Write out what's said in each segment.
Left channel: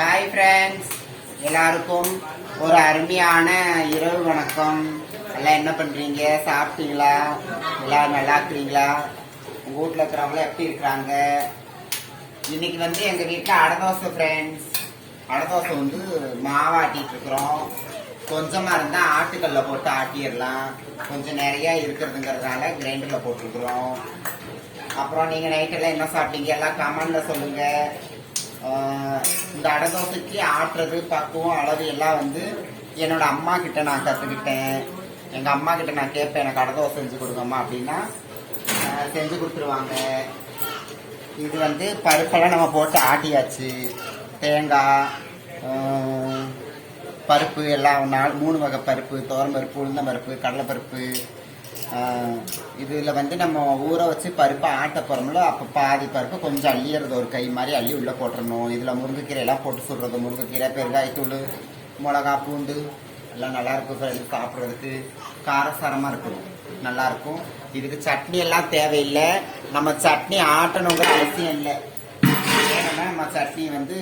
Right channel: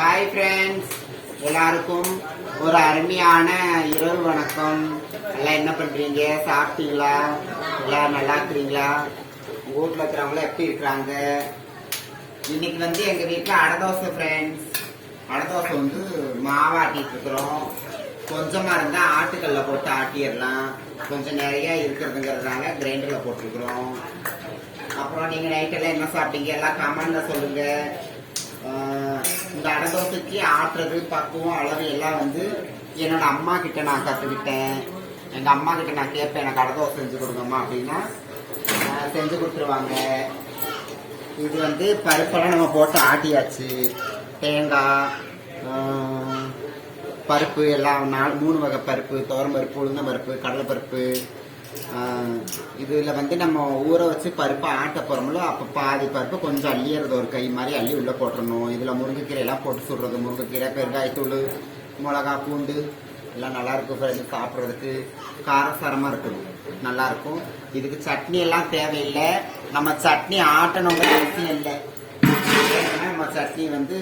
Hi friends எல்லாருக்கும் ஒரு அருமையான இரவு வணக்கம். எல்லாம் என்ன பண்ணுறீங்க சாப்பிட்டீங்களா? எல்லாம் நல்லா இருக்கிறீங்களா? உங்கள் வீட்ல இருக்கிறவங்க எப்படி இருக்கிறாங்க? இன்னைக்கு வந்து எங்கள் வீட்டில் அடதோசை ஃப்ரெண்ட்ஸ் அடதோசை வந்து மாவாட்டிட்டு இருக்கிறோம். கொஞ்சமாக இருந்தால் ஆட்டுக்கல்ல போட்டு ஆட்டிடலாம். கொஞ்சம் நிறையா இருக்கிறதுங்கிறதுனால கிரைண்டரில் போட்டுருக்குறோம் அப்புறம் நீங்க நைட்டெல்லாம் என்ன சாப்பிட்டீங்க? எல்லாம் கமெண்ட்ல சொல்லுங்க. இந்த அடதோசைக்கு ஆட்டுறது பக்குவம் அளவு எல்லாம் வந்து என்னோட அம்மா கிட்ட நான் கத்துக்கிட்டேன். எங்க அம்மா கிட்ட நான் கேட்பேன் எனக்கு அடதோசை செஞ்சு கொடுங்கம்மா அப்படின்னா செஞ்சு கொடுத்துருவாங்க. இது வந்து பருப்பெல்லாம் நம்ம போட்டு ஆட்டியாச்சு. தேங்காய் பருப்பு எல்லாம் நாலு மூணு வகை பருப்பு தோரம் பருப்பு உளுந்தம் பருப்பு கடலைப்பருப்பு பருப்பு இதில் வந்து நம்ம ஊற வச்சு பருப்பை ஆட்ட போகிறோம்ல அப்போ பாதி பருப்பு கொஞ்சம் அள்ளியறது ஒரு கை மாதிரி அள்ளி உள்ள போட்டுடணும் இதில் முருங்கைக்கீரையெல்லாம் போட்டு சுடுறது முருங்கைக்கீரை பெருங்காயத்தூள் மிளகா பூண்டு எல்லாம் நல்லா இருக்கும் ஃப்ரெண்ட்ஸ் சாப்பிட்றதுக்கு. காரசாரமாக இருக்குது நல்லா இருக்கும். இதுக்கு சட்னி எல்லாம் தேவையில்லை. நம்ம சட்னி ஆட்டணுங்கிற அவசியம் இல்லை. நம்ம சட்னி வந்து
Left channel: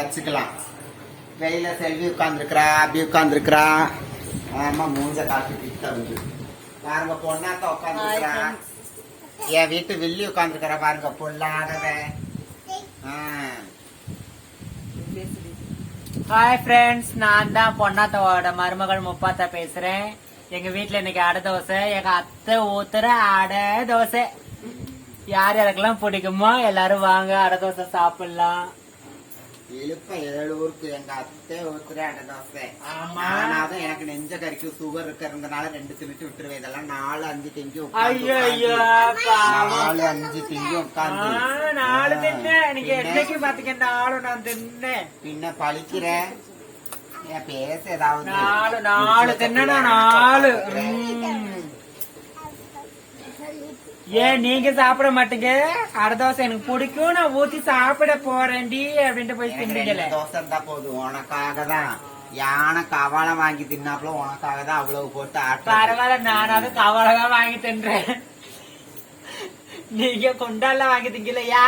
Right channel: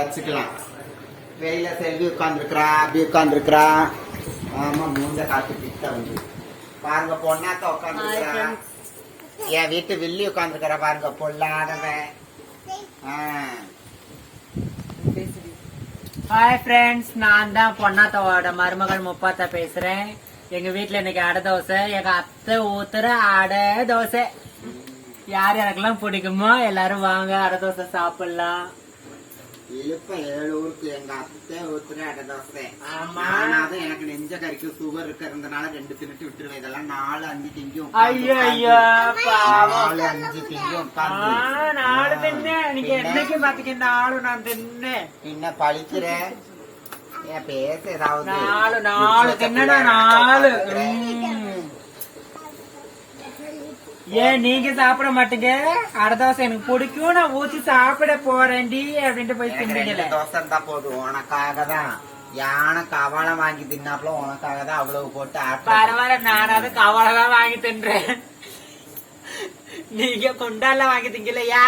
வச்சுக்கலாம். வெயில செல்வி உட்காந்துருக்கிறா அப்படி உட்காந்துருக்கிறா ஆமாம் மூஞ்ச காட்டு பித்த வந்து. பாருங்க பொண்ணாத்த உட்காந்துருக்கிறா என் வீட்டு வில்லி உட்காந்துருக்கிறா பாருங்க பொல்லாதவன் ஆ. ஹாய் ஃப்ரெண்ட்ஸ் நான் தான் பொன்னாத்தாவோட மருமகள் முப்பாத்தா பேசுறேன். எங்க வீட்ல இன்னைக்கு அடை தோசை எங்க அத்தை ஊத்துற அடை தோசை. யார் யாருக்கெல்லாம் பிடிக்குமோ எல்லாரும் வாங்க அடை தோசை சாப்பிடலாம். இழுப்ப ஏழு ஊருக்கு எங்க அத்தை ஊத்துற அடை தோசை. ஆனாலும் எனக்கு நெஞ்ச கறிக்கு சுகர் இருக்கிறதுனால ரெண்டு தின்னுட்டு விட்டுருவேன் இதெல்லாம் நாலு அஞ்சு திங்கி நாலு அஞ்சு திங்கி உட்காந்து பின்ன- பழிக்கிற பேச ஏதாவது நாலு நாலு தின்னா நாலு. ஏன் நீங்க சாப்பிட மாட்டீங்க? அடை தோசை எனக்கு பிடிக்கும். நான் ஊத்தி சாப்பிட போறேன்டி அப்படின்ட்டு போய் ரெண்டு தோசை இருந்தா போதும். உனக்காக தான். யானை கவாலை வாங்கி தின்னாப்புல உனக்காக தான் அவ்வளவு போட்டு பரவாயில்ல நானாவது கவலைதான் வாங்கி தின்றேன். நீங்க குண்டால வாங்கி திங்கலையா.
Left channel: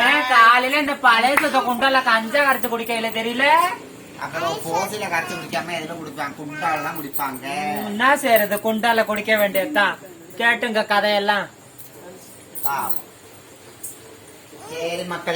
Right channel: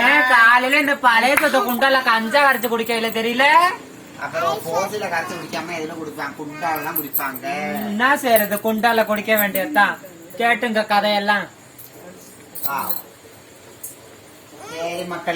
ஏன் காலையில இந்த பழைய சொத்த குண்டால கஞ்சா வரைச்சு குடிக்கல தெரியல? என்ன செய்யறது குண்டால குடிக்க வேண்டியதுதான். கேட்டுங்க கதையெல்லாம். சரி மக்கள்.